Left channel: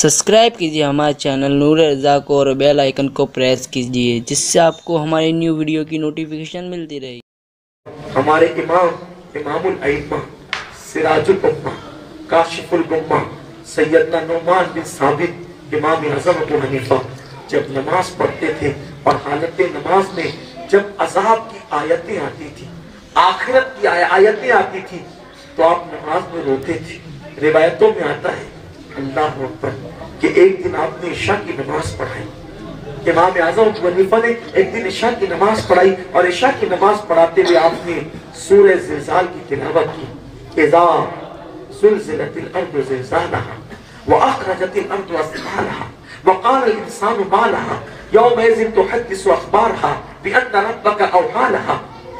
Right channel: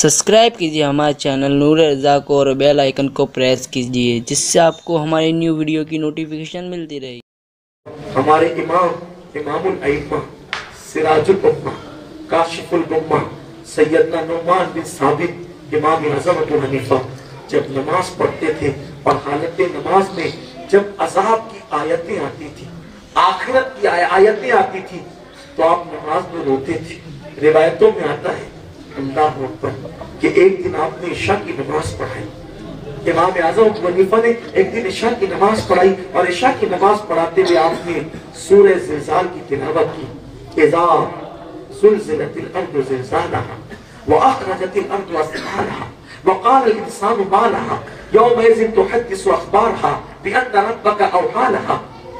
Subscribe کیجیے ہمارے channel نور رضا کو اور بیل آئیکن کو پریس کیجیے جس سے آپ کو ہماری نیو ویڈیو کی نوٹیفیکیشن ملتی رہے. ہمارے امام الائمہ سراج الامہ کاشف الغمہ سیدنا نعمان بن ثابت امام اعظم ابو حنیفہ جب نماز پڑھتے تھے اور حالت نماز میں جب عذاب کی آیتیں آتی تھی، آخرت کی آیتیں آتی تھی، تو آپ نماز میں روتے تھے. روایتوں میں آتا ہے اللہ اکبر کہ ایک دن آپ نے عشاء کی نماز پڑھائی. امام اعظم ابو حنیفہ نے ایک دن عشاء کی نماز پڑھائی اور عشاء کی نماز پڑھاتے ہوئے آپ نے سورہ زلزال کی تلاوت کی. اذا زلزلت الارض زلزالها واخرجت الارض اثقالها وقال الانسان ما لها يومئذ تحدث اخبارها بان ربك اوحى لها.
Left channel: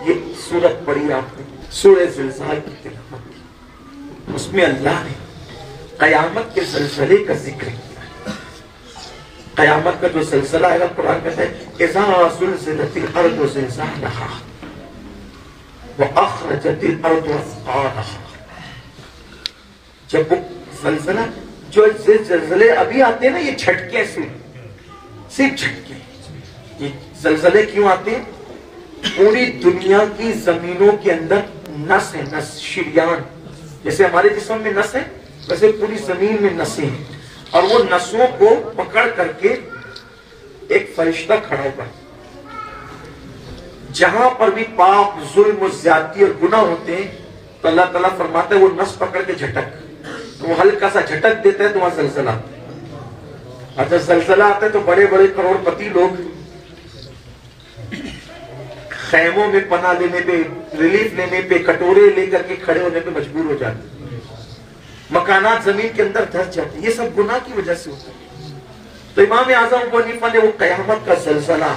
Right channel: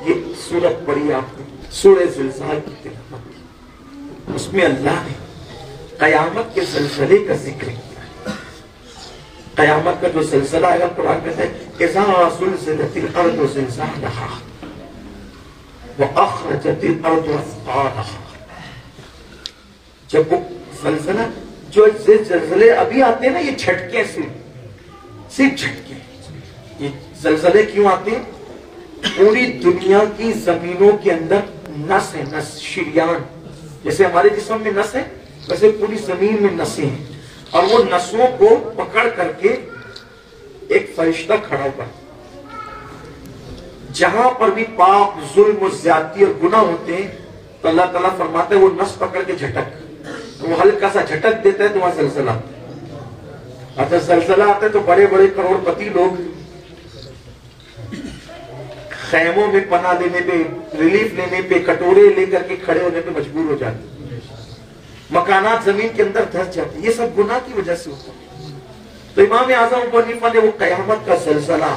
یہ سورت پڑھی آپ نے، سورہ زلزال کی تلاوت کی. اس میں اللہ نے قیامت کے زلزلے کا ذکر کیا. قیامت کا جو زلزلہ ہے قرآن کہتا ہے اذا زلزلت الارض زلزالها واخرجت الارض اثقالها. جب وہ زلزلہ، جو زلزلے ابھی آتے ہیں نا، یہ جھٹکے صرف جھٹکے. یہ زلزلے کیوں آتے ہیں؟ پوری دنیا کی زمینوں کے اندر نس ہے، نس، شریان. جیسے ہمارے جسم میں نس ہے ویسے پوری زمین میں نسیں ہیں، اور وہ نسوں کو پکڑ کر کے ایک فرشتہ کھڑا ہوا. جہاں پر بھی پاپ، ظلم و زیادتی اور گناہ ہوتے ہیں تو اللہ تعالیٰ فرماتا ہے وہ نس پکڑ کے جھٹک، وہ ہلکا سا جھٹک دیتا ہے تو وہاں زلزلہ آتا ہے. اور جب زلزلہ آتا ہے تو بڑے بڑے کروڑ پتی لوگ خیموں میں پناہ لینے پہ، ریلیف لینے پہ، کٹورے لے کر کے کھڑے ہونے پہ مجبور ہو جاتے ہیں. مکانات زمین کے اندر دھس جاتے ہیں. یہ سب گناہ کی وجہ سے ہوتا ہے. تو امام اعظم ابو حنیفہ نے وہ قیامت کا زلزلہ،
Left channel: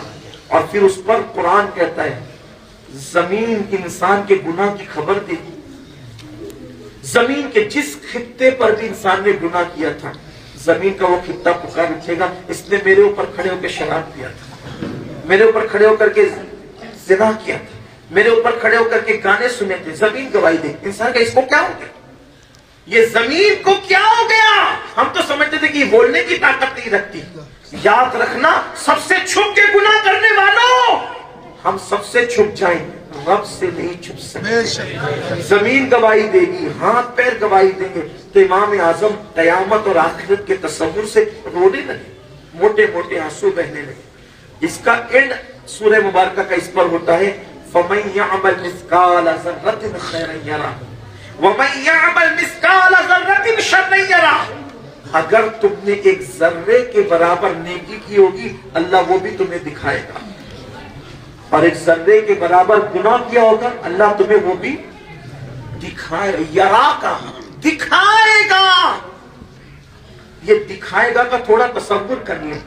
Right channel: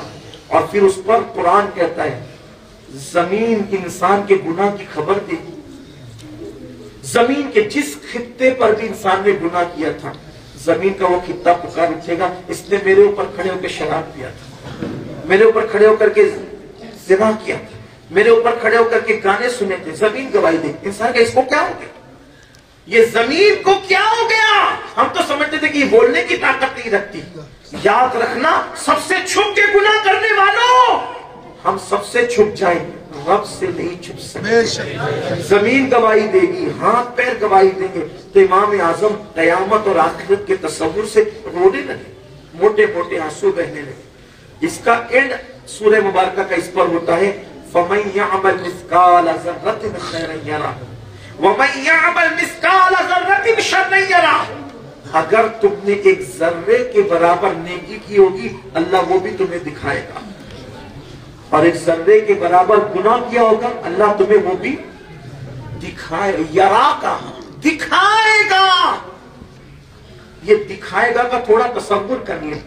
اور پھر اس پر قرآن کہتا ہے زمین انسان کے گناہ کی خبر دے. زمین کے جس خطے پر بھی انسان نے گناہ کیا تھا، زمین کا وہ خطہ پکار اٹھے گا اس نے میرے اوپر کھڑے ہو کے شراب پیا تھا، میرے اوپر کھڑے ہو کر کے زنا کیا تھا، میرے اوپر کھڑے ہو کر کے گانے سنے تھے. زمین گواہی دے. انسان کا اس کو کیا ہو گیا؟ یہ زمین کو کیا ہو گیا؟ ہم تو سمجھتے تھے کہ یہ بولنے کی طاقت نہیں رکھتی. یاد رکھنا، سب سے چھپ کے گناہ کرنے والوں، ہم سب سے چھپ جائیں، رب سے نہیں چھپ سکتے. زمین گواہی دے گی، ہاتھ پیر گواہی دیں گے. تو امام اعظم قیامت اور آخرت کے تصور سے رونے لگے، موٹے موٹے آنسو بہنے لگے. اس کا اینڈ سورہ مبارکہ کا اس پر ہوتا ہے فَمَن يَعْمَلْ مِثْقَالَ ذَرَّةٍ خَيْرًا يَرَهُ وَمَن يَعْمَلْ مِثْقَالَ ذَرَّةٍ شَرًّا يَرَهُ. اگر تم نے ایک ذرے کے برابر نیکی کی ہوگی اللہ وہ بھی تمہیں دکھائے گا، اور ایک ذرے کے برابر گناہ کیا ہوگا اللہ تمہیں وہ بھی دکھائے. یرا کا دکھائے گا. یہ دکھائے گا کا تھوڑا تصور کر لیں،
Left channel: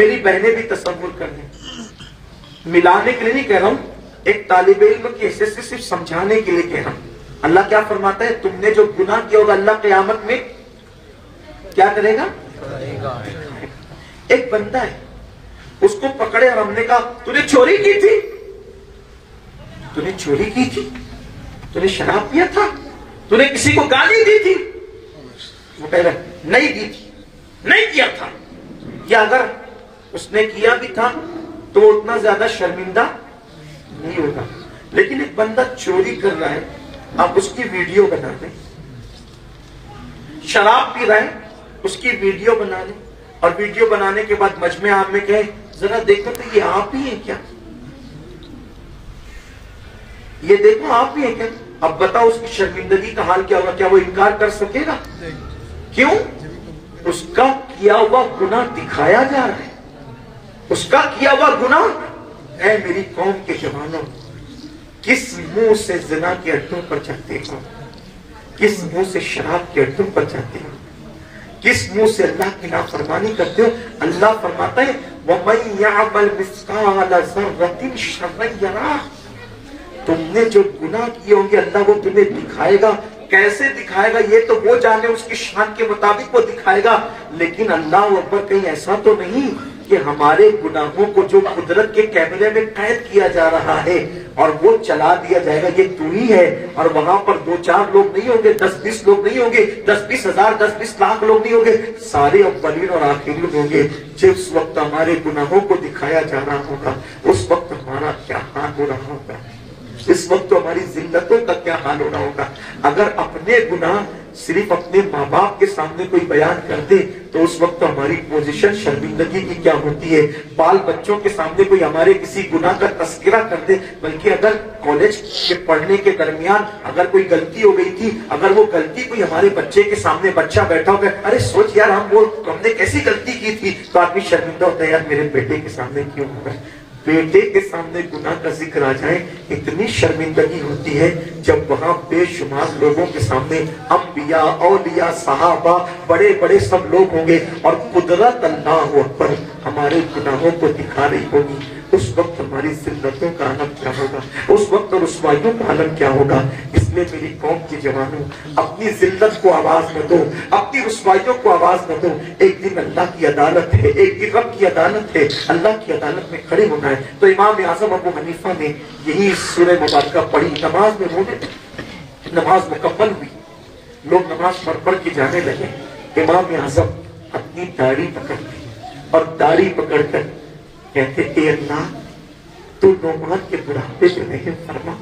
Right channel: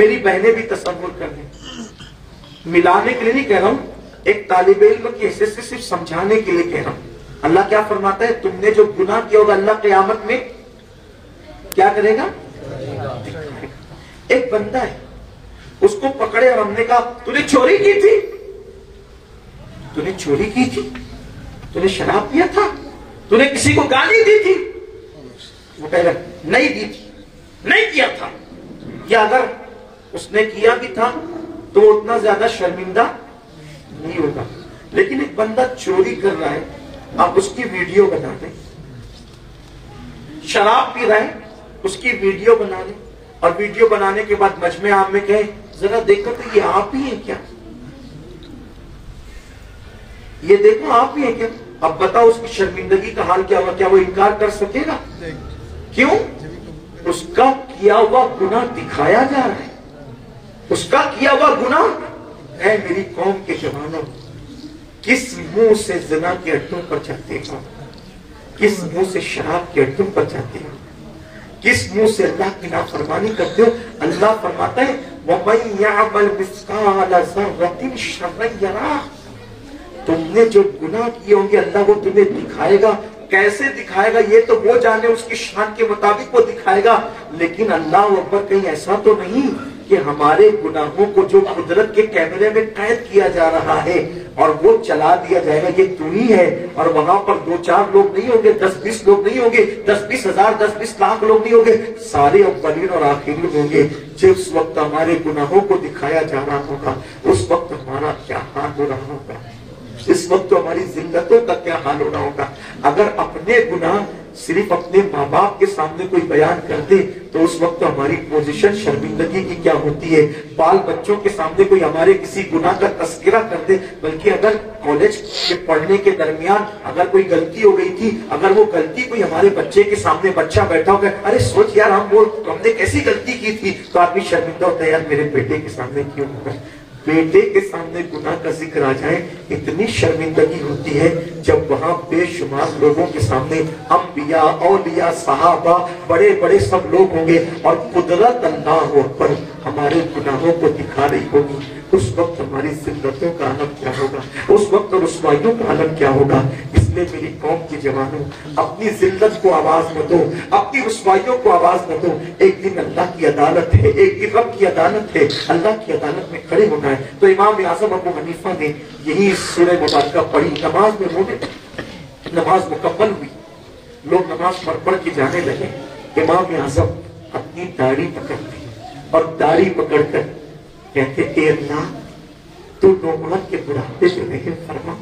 میری بہنیں بھی تصور کر لیں. ملانے کے لیے نہیں کہہ رہا ہوں، ایک طالب علم کی حیثیت سے صرف سمجھانے کے لیے کہہ رہا ہوں. اللہ کیا فرماتا ہے؟ تم نے جو گناہ کیا ہوگا اللہ قیامت میں کیا کرے گا؟ ایک بندہ ہے، اس کو پکڑے اور ہم نے کہا تو نے چوری کی تھی، تو نے چوری کی تھی، تو نے شراب پیا تھا، تو نے کسی کو گالی دی تھی. وہ کہہ رہا نہیں دی تھی، نہیں کیا تھا. یا اگر اس نے کیا بھی تھا تو وہ اتنا زیادہ شرمندہ نہیں ہوگا. لیکن ایک بندہ چوری کر رہا ہے، آپ اس کی ویڈیو بنا دیں. شراب پی رہا ہے، اس کی ویڈیو بنا لیں، اور ویڈیو بنانے کے بعد مجمع عام میں کہیں ذرا دیکھو تو یہ آپ ہی ہیں کیا؟ یہ دیکھو آپ ہی ہیں کیا؟ اب بتاؤ اس کی شرمندگی کا حال کیا ہوگا؟ کیا وہ انکار کر سکے گا؟ کیوں؟ اس کا کیا ہوا گناہ دکھایا جا رہا ہے. اس کا کیا ہوا گناہ. اے میری قوم کے جوانوں، کس منہ سے زنا کے اڈوں پر چلتے ہو؟ کس منہ سے شراب کے اڈوں پر چلتے ہو؟ کس منہ سے اللہ کی نافرمانی کرتے ہو؟ اللہ فرماتا ہے وَمَن يَعْمَلْ مِثْقَالَ ذَرَّةٍ شَرًّا يَرَهُ. تم نے جو گناہ کیے ہوں گے اللہ وہ تمہیں دکھائے گا. کیسے دکھائے گا یہ تو وہ جانے، اس کی شان کے مطابق وہ دکھائے گا. لیکن اللہ اکبر کہیں ایسا تو نہیں کہ ہمارے گناہوں کو جو قدرت کے کیمرے میں قید کیا جا رہا ہے اور وہ چلا دیا جائے گا یہ تو ہی ہے، اور وہاں پر 2-4 لوگ نہیں ہوں گے، 10-20 لوگ نہیں ہوں گے، 10-20 ہزار 10-20 لاکھ لوگ نہیں ہوں گے، سارے اولین اور آخرین ہوں گے۔ جس وقت ہمارے گناہوں کو دکھایا جا رہا ہوگا اس وقت ہمارا کیا حال ہو رہا ہوگا، اس وقت تو ہماری ذلتوں کا کیا حال ہو رہا ہوگا۔ اگر اپنے گناہ صرف اپنے ماں باپ کے سامنے کوئی بیان کر دے تو اس وقت ہماری پوزیشن شرمندگی کی کیا ہوتی ہے۔ بال بچوں کے سامنے کوئی ہمارے کسی گناہ کا تذکرہ کر دے، بلکہ اگر کالج کے پڑھنے کے درمیان اگر کوئی غلطی ہو گئی تھی، اگر وہ غلطی کوئی ہمارے بچے کے سامنے بچہ بیٹھا ہو گیا، ارے سوچ یار ہم نے کیسی غلطی کی تھی، تو آدمی شرمندہ ہوتا ہے یار میرے بیٹے کے سامنے کیوں ہو گئے۔ بیٹے کے سامنے گناہ کا ذکر آ جائے اتنی شرمندگی ہوتی ہے جب وہاں بے شمار لوگوں کے سامنے انبیاء، اولیاء، صحابہ، بڑے بڑے سب لوگ ہوں گے اور قدرت اللہ اکبر ہمارے گناہوں کو دکھا رہی ہوگی۔ اس وقت ہماری ذلتوں کا عالم کیا ہوگا، اس وقت رسوائیوں کا عالم کیا ہوگا۔ اس لیے میری قوم کے جوانوں اپنی ذلت کو آواز نہ دو، اپنی رسوائیوں کو آواز نہ دو۔ ایک دن اللہ کی عدالت ہے، ایک دن رب کی عدالت ہے، اللہ کی عدالت میں کھڑے ہونا ہے۔ تو امام اعظم ابو حنیفہ نے یہی سورہ مبارکہ پڑھی، نماز میں رونے، نماز مکمل ہوئی، لوگ نماز پڑھ کے جانے لگے۔ امام اعظم اپنی داڑھی پکڑتے اور داڑھی پکڑ کر کہتے اے اللہ تو نعمان کے بڑھاپے پہ رحم فرما۔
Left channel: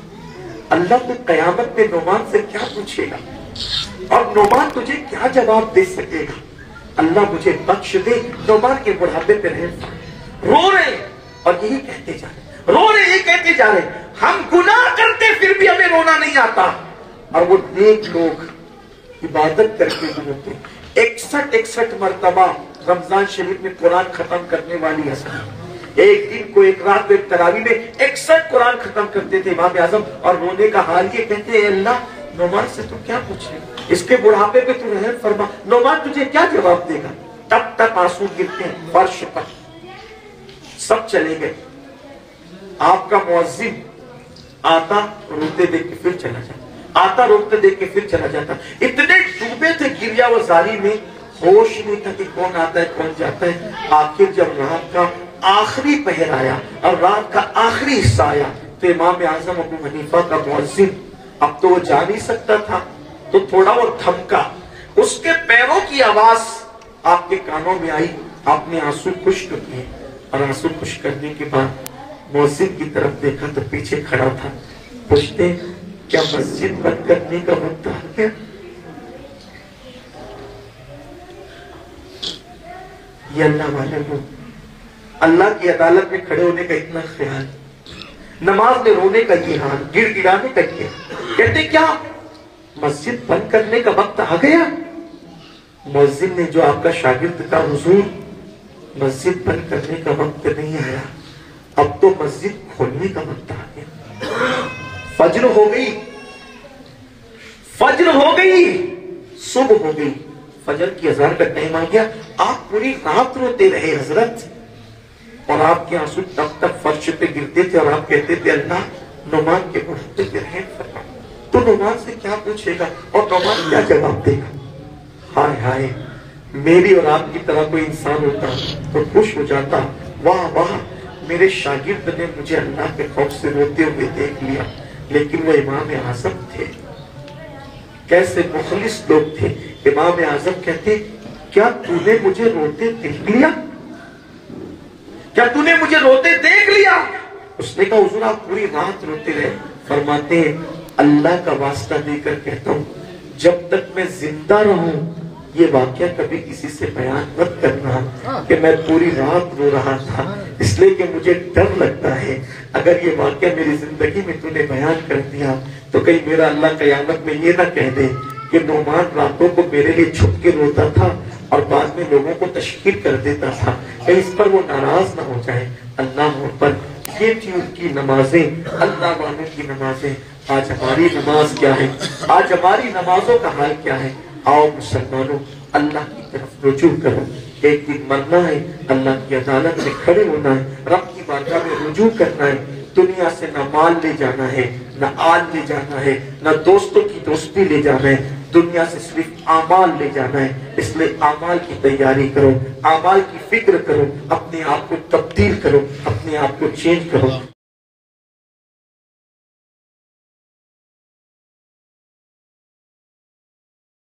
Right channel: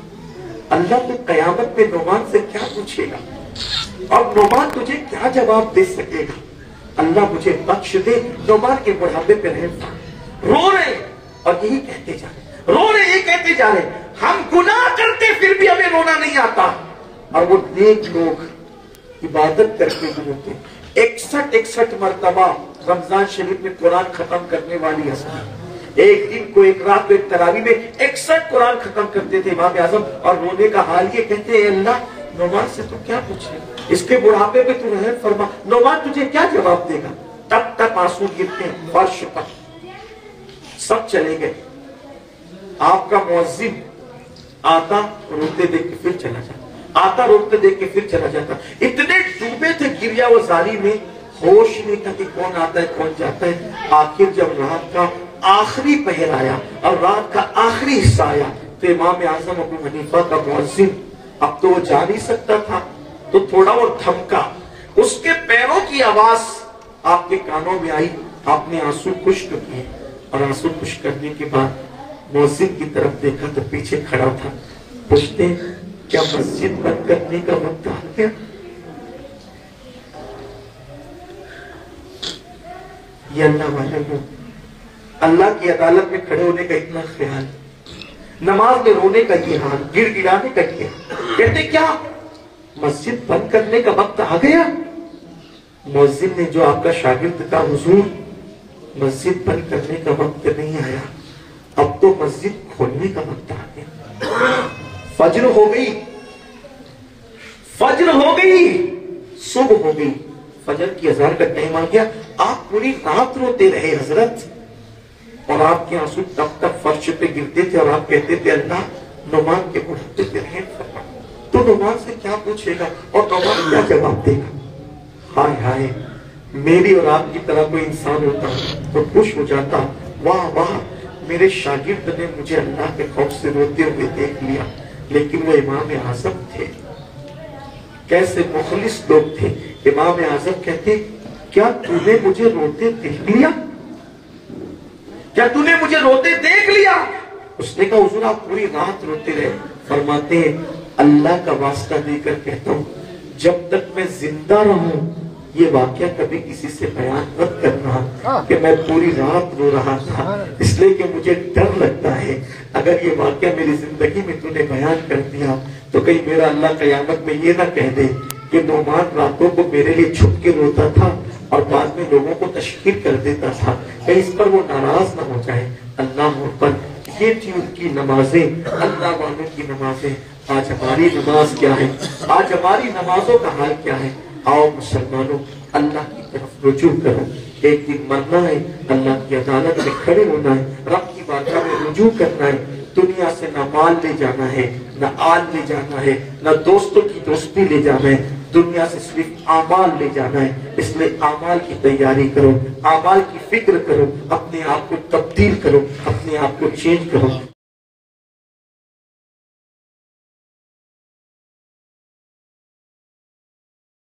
اللہ تو قیامت میں نعمان سے کیا پوچھے گا اور نعمان تجھے کیا جواب دے سکے گا، اللہ مجھے بخش دے، نعمان کے بڑھاپے پہ رحم فرما۔ رو رہے اور یہی کہتے جا رہے، رو رہے یہی کہتے جا رہے، ہم گناہ کرتے پھر بھی ہمیں رونا نہیں آتا، اور وہ نیک لوگ عبادت کر کے روتے۔ 61 مرتبہ رمضان شریف میں قرآن ختم کرنے والی حسن ایک دن کو، ایک رات کو، ایک تراویح میں 61 قرآن ختم کرتے تھے امام اعظم، اور رونے کا حال یہ کہتے ہیں اللہ نعمان سے تو کیا پوچھے، اس کے بڑھاپے پہ تو رحم فرما، نعمان تجھے کیا جواب دے گا۔ تب تک آنسو گرتے ہیں فرش پر۔ سب چلے گئے، آپ کا مؤذن آتا روتے دیکھ کے پھر چلا جاتا، آتا روتے دیکھ کے پھر چلا جاتا۔ اتنے ڈوبے تھے گریا و زاری میں، ہوش نہیں تھا کہ کون آتا ہے کون جاتا ہے۔ آخر جب رات کا آخری پہر آیا اور رات کا آخری حصہ آیا تو امام اعظم ابو حنیفہ کا مؤذن اب تو وہ جا نہیں سکتا تھا تو تھوڑا اور تھمکا، اس کے پیروں کی آواز آپ کے کانوں میں آئی، آپ نے آنسو خشک کیے، اور آنسو خشک کرنے کے بعد مؤذن کی طرف دیکھا تو پیچھے کھڑا تھا۔ پوچھتے کیا مسجد بند کرنے کا وقت آ گیا؟ یہ اللہ والے لوگ، اللہ کی عدالت میں کھڑے ہونے کا اتنا خیال، نماز میں رونے کا یہ حال، گڑ گڑانے کا یہ حال، کہتے کیا مسجد بند کرنے کا وقت آ گیا؟ مؤذن نے جو آپ کا شاگرد کا حضور مسجد بند کرنے کا وقت نہیں آیا، اب تو مسجد کھولنے کا وقت آ گیا۔ فجر ہو گئی، فجر ہو گئی، صبح ہو گئی، فجر کی اذان کا ٹائم آ گیا۔ آپ پوری رات روتے رہے حضرت، اور آپ کے آنسو تب تک فرش پہ گرتے تھے، اور آپ کہتے تھے اللہ نعمان کے بڑھاپے پہ رحم فرما۔ تو نعمان سے کیا پوچھے گا اور نعمان کیا جواب دے گا؟ ہائے ہائے، میری اور آپ کی طرح کوئی انسان ہوتا تو خوش ہو جاتا، واہ واہ میرے شاگرد نے مجھے اللہ کے خوف سے روتے ہوئے دیکھ لیا۔ لیکن وہ امام اعظم تھے، کیسے مخلص لوگ تھے۔ امام اعظم کہتے کیا تو نے مجھے روتے دیکھ لیا؟ کیا تو نے مجھے روتے دیکھ لیا؟ اس نے کہا حضور آپ پوری رات روتے رہے۔ فرماتے ہیں اللہ کا واسطہ دے کر کہتا ہوں جب تک میں زندہ رہوں یہ واقعہ کبھی کسی سے بیان مت کرنا کہ میں پوری رات رو رہا تھا، اس لیے کہ مجھے ڈر لگتا ہے اگر یہ واقعہ میری زندگی میں تو نے بیان کر دیا تو کہیں میرا اللہ قیامت میں یہ نہ کہہ دے کہ نعمان راتوں کو میرے لیے چھپ کے روتا تھا اور بعد میں لوگوں کو تشہیر کر دیتا تھا، کہیں اس پر وہ ناراض نہ ہو جائے۔ اللہ پر یہ تھی ان کی نمازیں، اللہ والوں کی نمازیں۔ آج ہماری نماز کیا ہے؟ آج ہماری نمازوں کا حال کیا ہے؟ آؤ مسلمانوں اللہ کی طرف رجوع کرو، ایک دن مرنا ہے، اللہ کی عدالت میں کھڑے ہونا ہے، رب کی بارگاہ میں رجوع کرنا ہے۔ دنیا سے نہ مال لے جانا ہے، نہ آل لے جانا ہے، نہ دوستوں کی دوستی لے جانا ہے، دنیا سے صرف اعمال لے جانا ہے، اس لیے اعمال کی تیاری کرو، اعمال کی فکر کرو، اپنے آپ کو تبدیل کرو، اپنے آپ کو چینج کرو.